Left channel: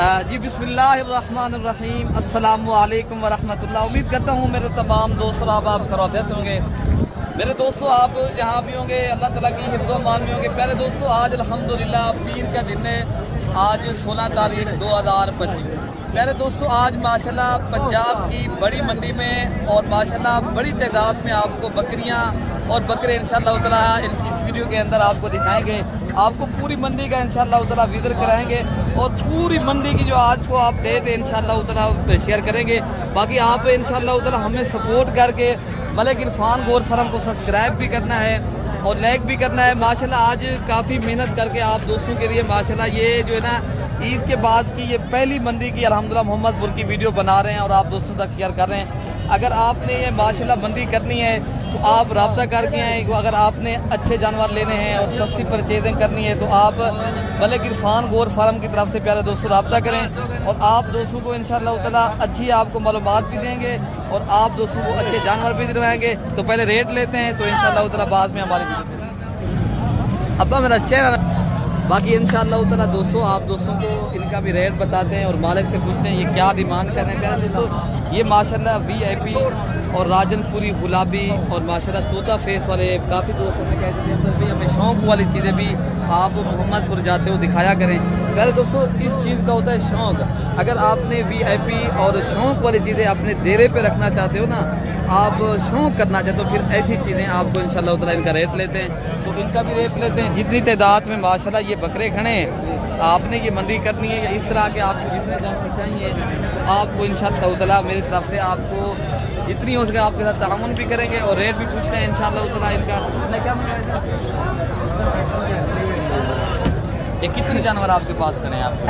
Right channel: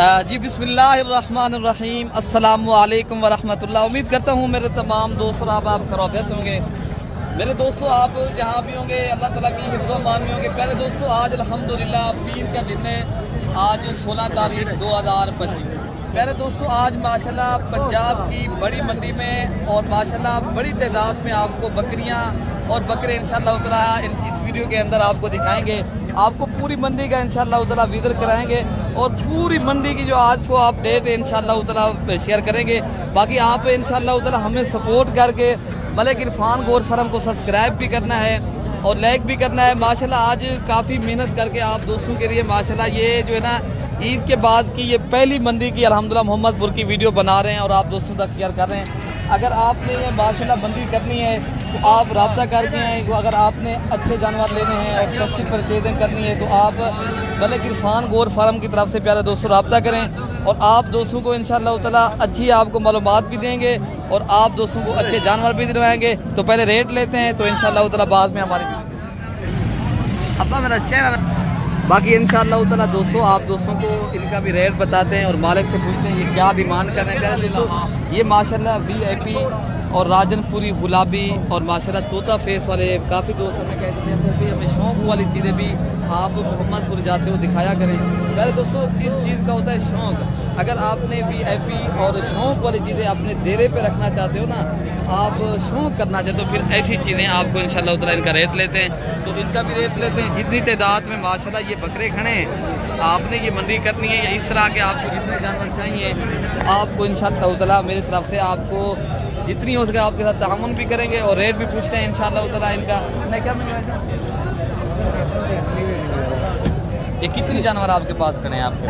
जी बिस्मिल्लाहिर्रहमानिर्रहीम, अस्सलामु अलैकुम वरहमतुल्लाह। उम्मीद करता हूँ मेरे तमाम दोस्त आप खैरियत होंगे। मेरे दोस्तों, आप जहाँ भी होंगे अल्लाह ताला की हिफ्ज़ व मान में होंगे। पहले दोस्तों, आज अल्हम्दुलिल्लाह पीर का दिन है, आज 16 तारीख 2025। पहले दोस्तों, आज माशाल्लाह पंजाब की बड़ी मंडी में और माशाल्लाह बड़ी तादाद में आपको बकरियाँ और बकरे इंशाअल्लाह ताला इस वीडियो के अंदर आपको दिखाएंगे। आपको पूरी मंडी का इंशाअल्लाह ताला विज़िट कराएंगे और पूरी मंडी की जो आज को आप डेट है इंशाअल्लाह ताला शेयर करेंगे। बाकी आप इंशाअल्लाह ताला हमें सपोर्ट करके मलिक इरफान गोट फार्म को सब्सक्राइब भी करना है और लाइक भी करना है। माशाल्लाह आज काफ़ी मेहनत करके आप दोस्तों के लिए माशाल्लाह ये जो है ना ईद के बाद की ये पहली मंडी की अल्हम्दुलिल्लाह मोहम्मदपुर की वीडियो बना रहे हैं और आप दोस्तों तक शेयर कर रहे हैं। अगर आपने ये माशाल्लाह मंडी करनी है तो आप रब्ता करके आए। अगर आपने अच्छे जानवर लेने हैं और सस्ती परचेजिंग करनी है तो आप मलिक इरफान गोट फार्म की तरफ से प्यारे दोस्तों रब्ता करें और आप दोस्तों को इंशाअल्लाह ताला अच्छी आपको मालूमात भी देंगे और आप दोस्तों को अच्छे जानवर भी दिलवाएंगे। तो पहले रेट लेते हैं तो इंशाअल्लाह ताला बाद में हमारे अपना मेरा चेहरा। बाकी इंशाअल्लाह ताला दोस्तों आप दोस्तों को इनका भी रेट बताते हैं और मालिक से पूछते हैं ये क्या डिमांड कर रहे हैं। दोस्तों ये माशाल्लाह VIP और राजनपुरी गुलाबी और माशाल्लाह तोता फेस वाले काफ़ी दोस्त हमें कहते थे अंदर भी हमें शौक वाली चीज़ें भी आप मोहम्मदपुर जाते हो दिखाया करें। पहले दोस्तों इस चीज़ का होता है शौक। अगर आपने VIP और शौक वाली चीज़ें अपने डेरे पे रखना चाहते हो ना, आप शौक करना चाहते हो, फिर ऐसी चीज़ें आपको इंशाअल्लाह ताला इनका रेट लेते हैं तो इनका भी रेट लेते हैं। जितनी तादाद में माशाल्लाह ये बकरे खड़े हैं, आपने ये मंडी करनी है या इस तरह के आपको जितने जानवर चाहिए तो आपको इंशाअल्लाह ताला मेरी तरफ से आपको जितनी हो सके आपके साथ तामुन भी करेंगे और रेट भी पूछते हैं इंशाअल्लाह ताला इनका। क्या ये कितने जानवर आपके पास खड़े हैं आपको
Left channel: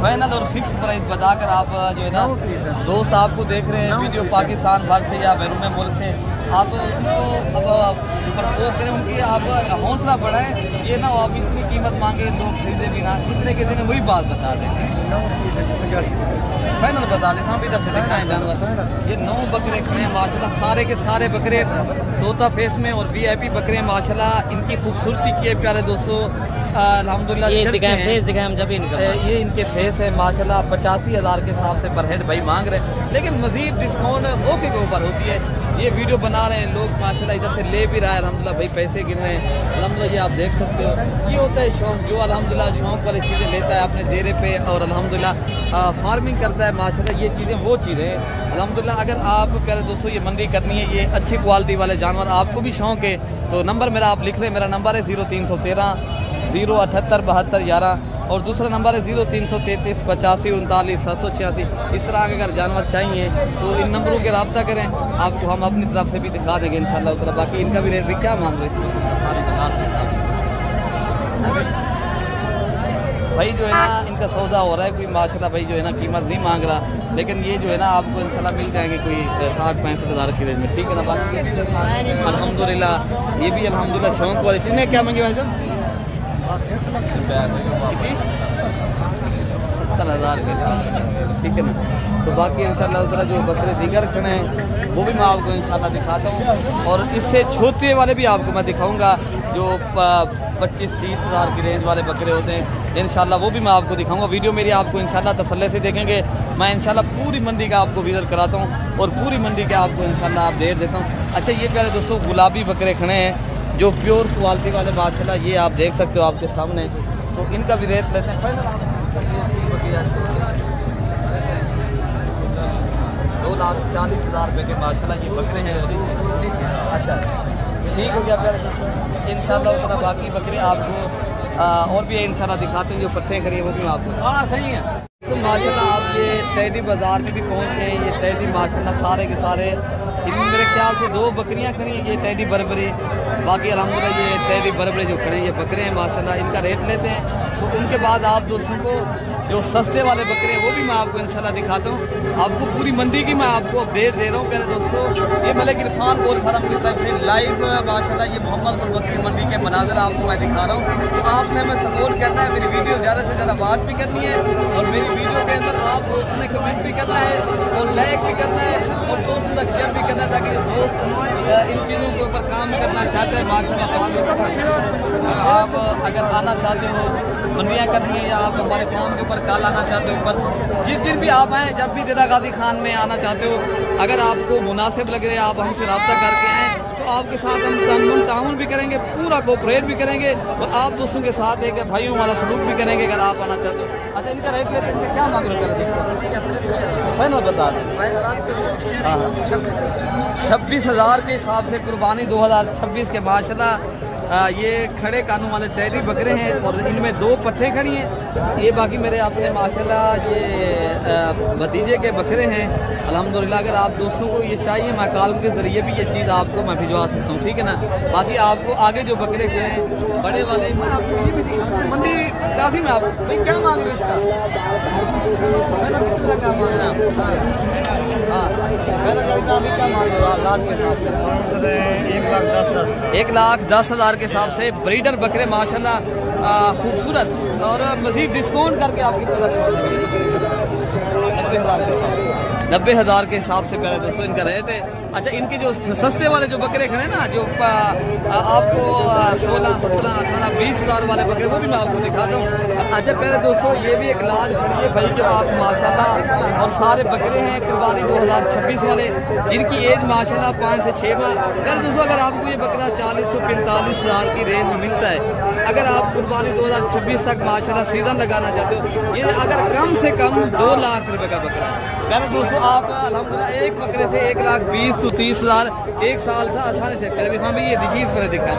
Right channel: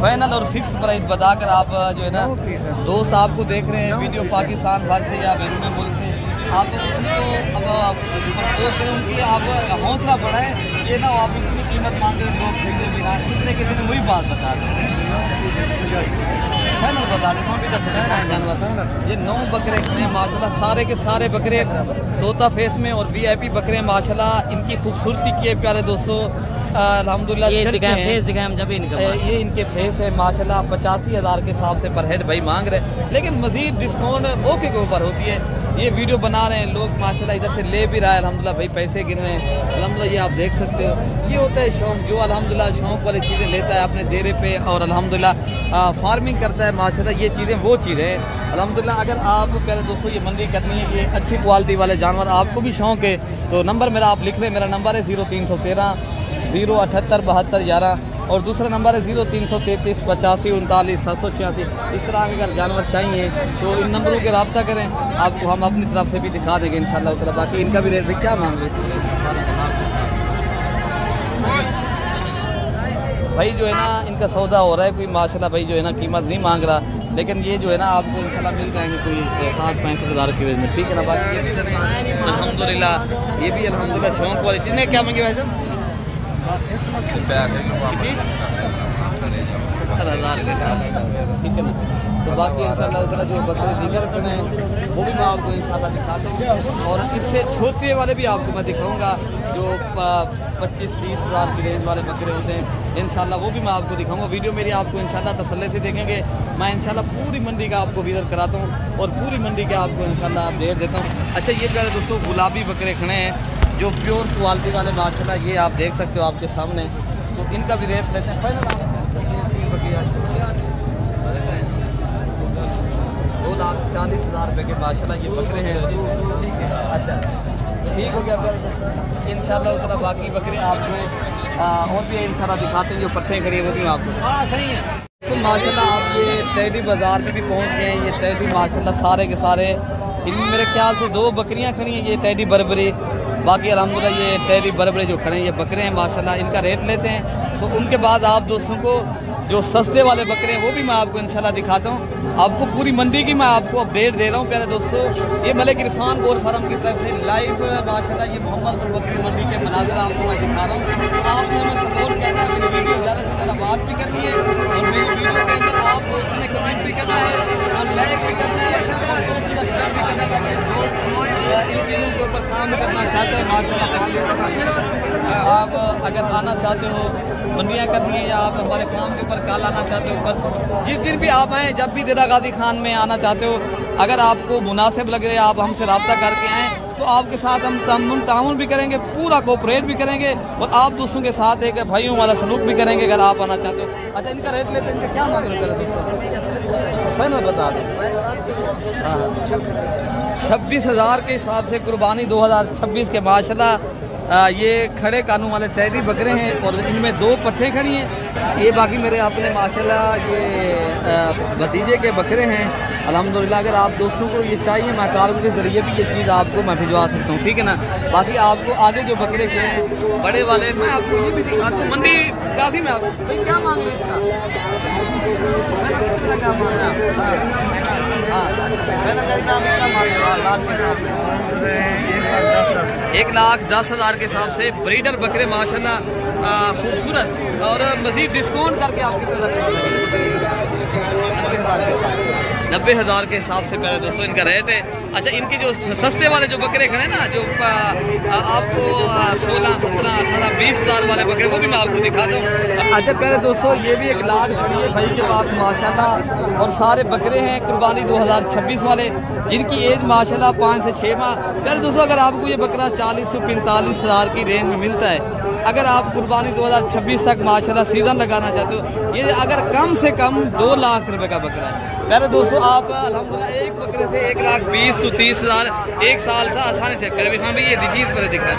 फाइनल और फिक्स प्राइस बताकर आप जो है ना दोस्त आपको देख रहे हैं वीडियो पाकिस्तान भर से या बैरून मुल्क से, आप उनको अब प्रपोज करें, उनकी आप हौसला बढ़ाएं। ये ना आप इतनी कीमत मांगे लोग खरीदे भी ना, कितने के दिन वही बात बता दें, फाइनल बता दें। वहाँ भी इधर से दिखाएं जानवर। ये 9 बकरे हैं माशाल्लाह, सारे के सारे बकरे तोता फेस में और VIP बकरे माशाल्लाह। इनकी खूबसूरती की है प्यारे दोस्तों अल्हम्दुलिल्लाह। ये इनके फेस है माशाल्लाह। 85,000 के हिसाब से पर हेड भाई मांग रहे, लेकिन मजीद डिस्काउंट ओके के ऊपर होती है। ये वीडियो बना रहे हैं लोग माशाल्लाह, इधर से ले भी रहा है अल्हम्दुलिल्लाह, भाई पैसे गिन रहे हैं अल्हम्दुलिल्लाह। ये आप देख सकते हो, ये होता है शौक। जो अल्हम्दुलिल्लाह शौक वाली चीज़ें लेता है अपने डेरे पे और अल्हम्दुलिल्लाह फार्मिंग करता है माशाल्लाह, ये चीज़ें वो चीज़ें हैं अल्हम्दुलिल्लाह। अगर आप प्यारे दोस्तों ये मंडी करनी है, ये अच्छी क्वालिटी वाले जानवर आपको भी शौक है तो नंबर मेरा आप लिख रहे हैं। मेरा नंबर है 0313 078 72 11 और दूसरा नंबर है 0333 85 39 786। इस तरह के अगर जानवर चाहिए तो इन नंबरों के रब्ता करें, आपको हम अपनी तरफ से भी दिखा देंगे इंशाअल्लाह ताला। बाकी इनका भी रेट भी क्या मांग रहे भाई जो है ना, इनका सौदा हो रहा है कोई माशाल्लाह भाई जो है ना कीमत नहीं मांग रहा, लेकिन ये जो है ना आपको इंशाल्लाह मिल जाएंगे कोई 60-65 हज़ार की रेंज में, ठीक है ना। बाकी अल्हम्दुलिल्लाह ये भी अल्हम्दुलिल्लाह शौक वाले चीज़ें। क्या मांगे भाई साहब? कितनी 70,000 के साथ, ठीक है ना। तो बाकी इंशाअल्लाह ताला जो बकरे दीगर खड़े हैं वो भी मैं आपको इंशाअल्लाह दिखाता हूँ और इससे छोटे वाले भी आपको मैं दिखाऊंगा जो 25-30 हज़ार की रेंज वाले बकरे होते हैं इंशाअल्लाह, वो भी मैं आपको दिखाऊंगा। वीडियो मेरी आपको इंशाअल्लाह तसल्ली से देखेंगे। मैं इंशाअल्लाह पूरी मंडी का आपको विजिट कराता हूँ और पूरी मंडी का आपको इंशाअल्लाह आप रेट देता हूँ। अच्छा, ये प्यारे दोस्तों गुलाबी बकरे खड़े हैं जो प्योर क्वालिटी वाले माशाल्लाह, ये आप देख सकते हो आपके सामने। तो इनका भी रेट लेते हैं फाइनल आप 2,40,000 रुपये के माशाल्लाह ये बकरे हैं। अच्छा ठीक हो गया प्यारे दोस्तों, इंशाअल्लाह ताला बाकी बकरे आपको और भी इंशाअल्लाह दिखाते हैं जो पट्टे खड़ी है वो भी आपको। हाँ सही है। तो माशाल्लाह आप ये टैडी बाज़ार में भी पहुँच गए हैं। ये टैडी माशाल्लाह सारे के सारे, इनमें मेरे ख्याल से 2 बकरियाँ खड़ी हैं, ये टैडी बरबरी। बाकी अल्हम्दुलिल्लाह ये टैडी बरबरी जो खड़े हैं ये बकरे हैं माशाल्लाह, इनका रेट लेते हैं। तो उनके बाद आप दोस्तों को जो सस्ते वाले बकरे हैं वो भी मैं आपको इंशाल्लाह दिखाता हूँ। आपको पूरी मंडी की मैं आपको अपडेट दे रहा हूँ प्यारे दोस्तों। ये मलिक इरफान गोट फार्म की तरफ से लाइव माशाल्लाह ये मोहम्मदपुर बकरी मंडी के मनाज़र आपको मैं दिखा रहा हूँ। आपने हमें सपोर्ट करना है, मेरी वीडियो ज़्यादा से ज़्यादा बात भी करनी है और मेरी वीडियो के अंदर आप उसमें कमेंट भी करना है और लाइक भी करना है और दोस्तों तक शेयर भी करना था कि दोस्त इन चीज़ों के ऊपर काम करना चाहते हैं माशाल्लाह। आप अगर आना चाहते हो मंडियाँ करनी है या आप हमारे फार्म के ऊपर कॉल आना चाहते हो ऊपर जिस दिन भी आप आएँ, जब भी देरा गाजी खान में आना चाहते हो, अगर आपको मुनासिब लग रहे आप हमसे रब्ता करके आएँ तो आपके साथ हम ताउन भी करेंगे, पूरा कोऑपरेट भी करेंगे और आप दोस्तों के साथ एक भाइयों वाला सलूक भी करेंगे अगर आप आना चाहते हो। अच्छा, इनका रेट लेते हैं, इनका क्या मांग रहे हो फाइनल बता दें? हाँ, 26,000 के हिसाब से कुर्बानी 2026 के माशाल्लाह। ये खड़े कानून वाले टहरी बकरे हैं और इनमें 2 पट्ठे खड़ी हैं। ये बाकी मेरे अपने माशाल्लाह ये भतीजे के बकरे हैं अल्हम्दुलिल्लाह। अगर आप दोस्तों को ये चाहिए मैं कॉल के जरिए भी ये चीज़ आपको मैं भिजवा सकता हूँ, ठीक है ना। बाकी आपको आगे जो बकरे के हैं बड़े वाले मैं आपको भी दिखाता हूँ। मंडी काफ़ी मैं आपको भाई क्या मांग रही इसका? हाँ, 1,10,000 के हिसाब से ब्रीडर बकरे माशाल्लाह खूबसूरत और मजीद डिस्काउंट करके आपकी 90,000 के हिसाब से मेरा दोस्तों इनका रेट है। अच्छा, इनके जो सस्ते वाले जो बकरे हैं ना, जो आपको 16, 17, 18, 20,000 वाले बकरे, वो भी मैं आपको दिखाता हूँ। अच्छा पहले दोस्तों ये भी एक लाख खड़ी है भाई के पास माशाल्लाह और सारे बकरे हैं कुर्बानी 2026 वाले जिनकी एज माशाल्लाह 5 से 6 माह। पहले दोस्तों अगर आपको ये बकरा 40 से 45,000 की रेंज में मिलता है, अगर आप कुर्बानी 2026 तक माशाल्लाह सीजन लगाना चाहते हो, ये अगर कम से कम 2 लाख रुपए का बकरा है। पहले दोस्तों आप अल्हम्दुलिल्लाह एक बकरे से 1,20,000 तो 30,000 एक साल से आसानी से कर भी भी ये चीज़ पर दिखा है।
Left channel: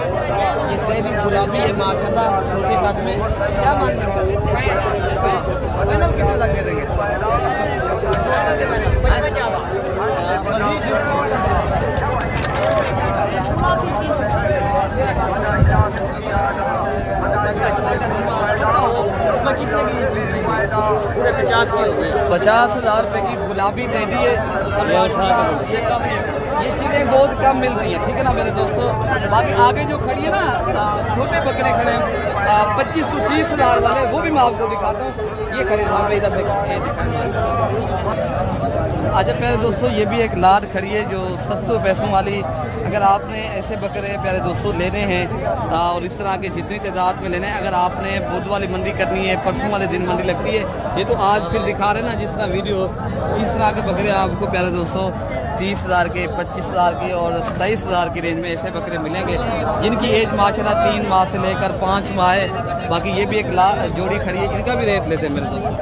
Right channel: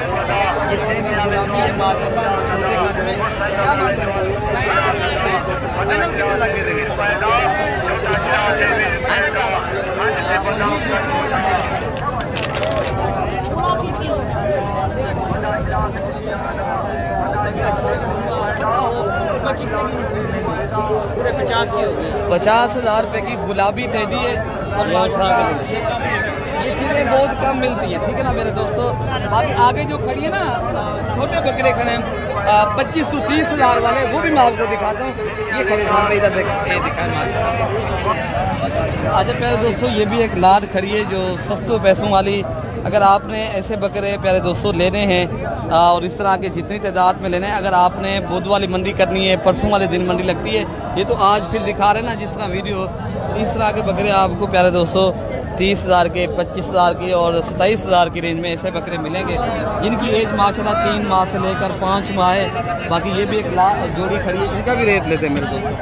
ये चैनी गुलाबी है माशाल्लाह, छोटे कद में क्या मांग रहे हैं? फाइनल कितने तक दे देंगे? पूरे 50 की हो गई। 50,000 रुपए की गुलाबी टेडी है और ये चीज़ें बहुत कम मिलती हैं, ठीक है ना मेरे दोस्तों। बाकी आगे जो खड़ी है ना छोटे बकरे खड़े हैं 25 से 30,000 वाले, वो भी मैं आपको दिखाता हूँ। ये खड़े इधर अच्छा प्यारे दोस्तों, ये भी एक लाड खड़ी है जो सस्ते पैसों वाली। अगर आपने ऐसे बकरे प्यारे दोस्तों लेने हैं और इस तरह के जितनी तादाद में लेने हैं, अगर आपने बुध वाली मंडी करनी है, परसों वाले दिन मंडी लगती है, ये तो आज फिर दिखा रहे हैं ना जिस तरह वीडियो, इस तरह के बकरे आपको प्यारे दोस्तों 30,000 के, 25,000 के और 27,000 की रेंज में ऐसे बकरे मिलेंगे जिनकी एज माशाल्लाह 3 माह से लेकर 5 माह है। बाकी ये भी एक जोड़ी खड़ी है, इनका भी रेट लेते हैं मेरे दोस्तों।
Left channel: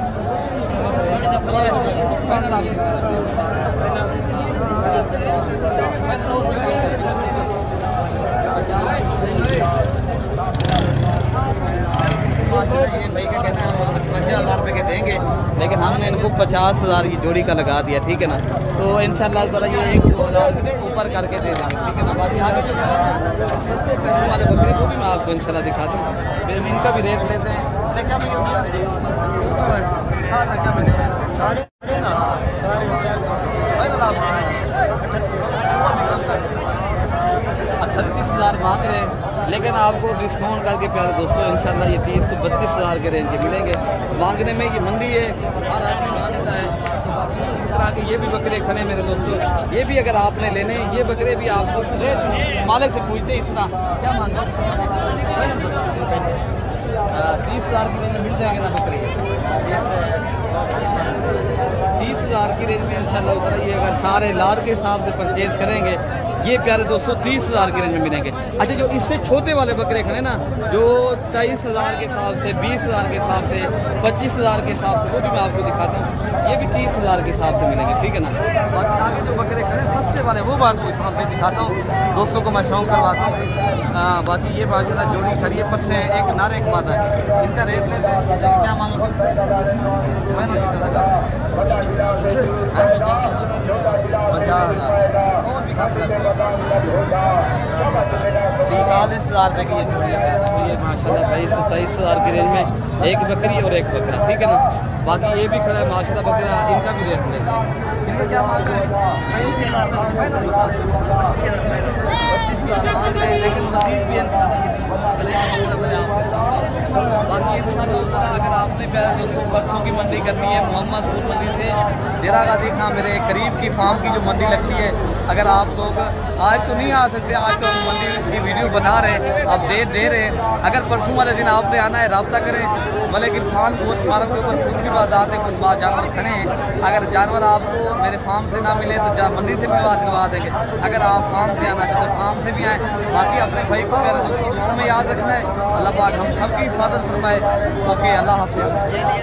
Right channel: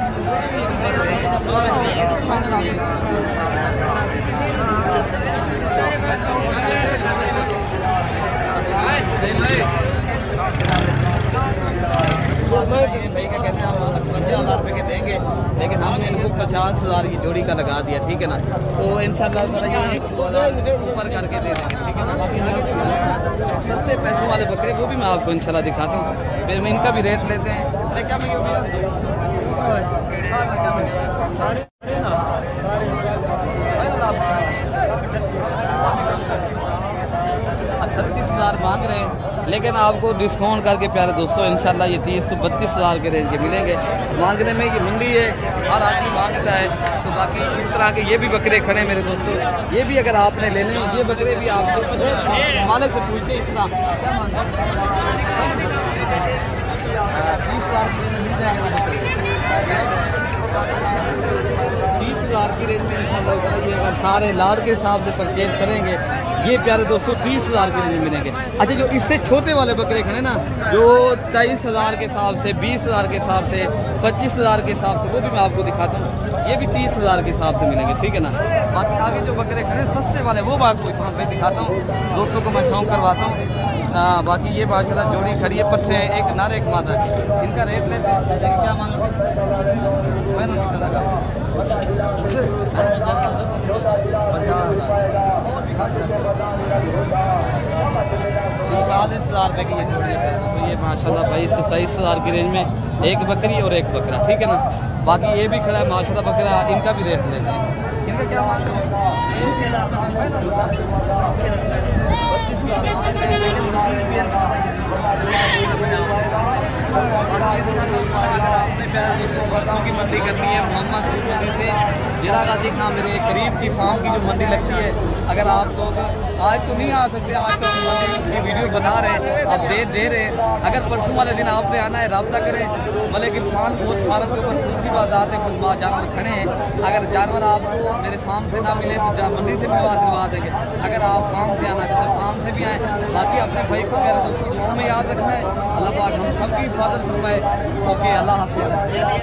58,000 रुपये के देंगे, लेकिन हमने इनको 50,000 की जोड़ी का लगा दिया, ठीक है ना। तो इंशाल्लाह ताला ये 1-2,000 ऊपर करके दे देंगे, ठीक है ना। बाकी आगे जो है ना सस्ते पैसों वाले बकरे वो भी मैं आपको इंशाल्लाह दिखाता हूँ, फिर मैं इनका भी रेट लेते हैं। क्या मिले भैया? क्या मिले? सारे 38,000 मांग रहे हैं, लेकिन आपको डिस्काउंट करके प्यारे दोस्तों इंशाल्लाह ये 30 से 32,000 के रेंज के मिलेंगे। मांगने में ये मंडी है, हर आदमी मांगता है। तो बाकी इस तरह के ये भी बकरे खड़े हैं मेरे दोस्तों, ये भी अगर आपने लेने हैं, ये बकरे भी आपको मालिक से पूछते हैं इतना क्या मांगते हैं। 30,000 की रेंज में मिल जाएगा ना बकरे, 30,000 की रेंज में इंशाल्लाह होगा। ये अगर सारे लाड के हिसाब से परचेज करेंगे ये प्यारे दोस्तों 30,000 की रेंज में मिलेंगे। अच्छा, जो इससे छोटे वाले बकरे खड़े ना जो 23,000 के हिसाब से, 20,000 के हिसाब से, 25,000 के हिसाब से, वो भी मैं आपको दिखाता हूँ। ये भी 30,000 के हिसाब से मिलेंगे, ठीक है ना। बाकी आगे जो बकरे खड़े सस्ते वाले वो मैं आपको दिखाता हूँ, दोस्तों को मैं शौक करवाता हूँ। बाकी ये माशाल्लाह जोड़ी खड़ी है, पट्टे एक नर एक मादा, इनका रेट लेते हैं क्या मांग 50,000 और भी कम कर 45,000 रुपये की ये जोड़ी है। ये माशाल्लाह भाई 27,000 की रेंज में एक बकरी और एक बकरा, ठीक है ना। बाकी ये भी खड़ा है माशाल्लाह बकरा, इनका भी रेट लेते हैं। इनका क्या मांग रहे हैं? 25,000 मांग रहे हैं, लेकिन मजीद भी बाकी इंशाल्लाह अगर आपने परसों की मंडी करनी है मोहम्मदपुर मंडी से देरा गाजी खां मेरे करीब की फार्म की जो मंडी लगती है अगर आप लोग आज तो नहीं आ सकते, आज तो हम मंडी की वीडियो बना रहे, आप डेट दे रहे, अगर परसों वाले दिन आपने आना है रब्ता करें। मलिक इरफान गोट फार्म के ऊपर खुद की बात है, खुद जानवर खड़े हैं। अगर जानवर आपको मेरे फार्म से ना मिले तो मंडी से दिलवा देंगे। अगर आप फार्म से आना चाहते तो फार्म से भी आए। बाकी अपने भाई को प्यारे दोस्तों दुआओं में याद रखना है। अल्लाह पाक हम सबकी हिफाजत फरमाए। ओके, अल्लाह हाफिज़।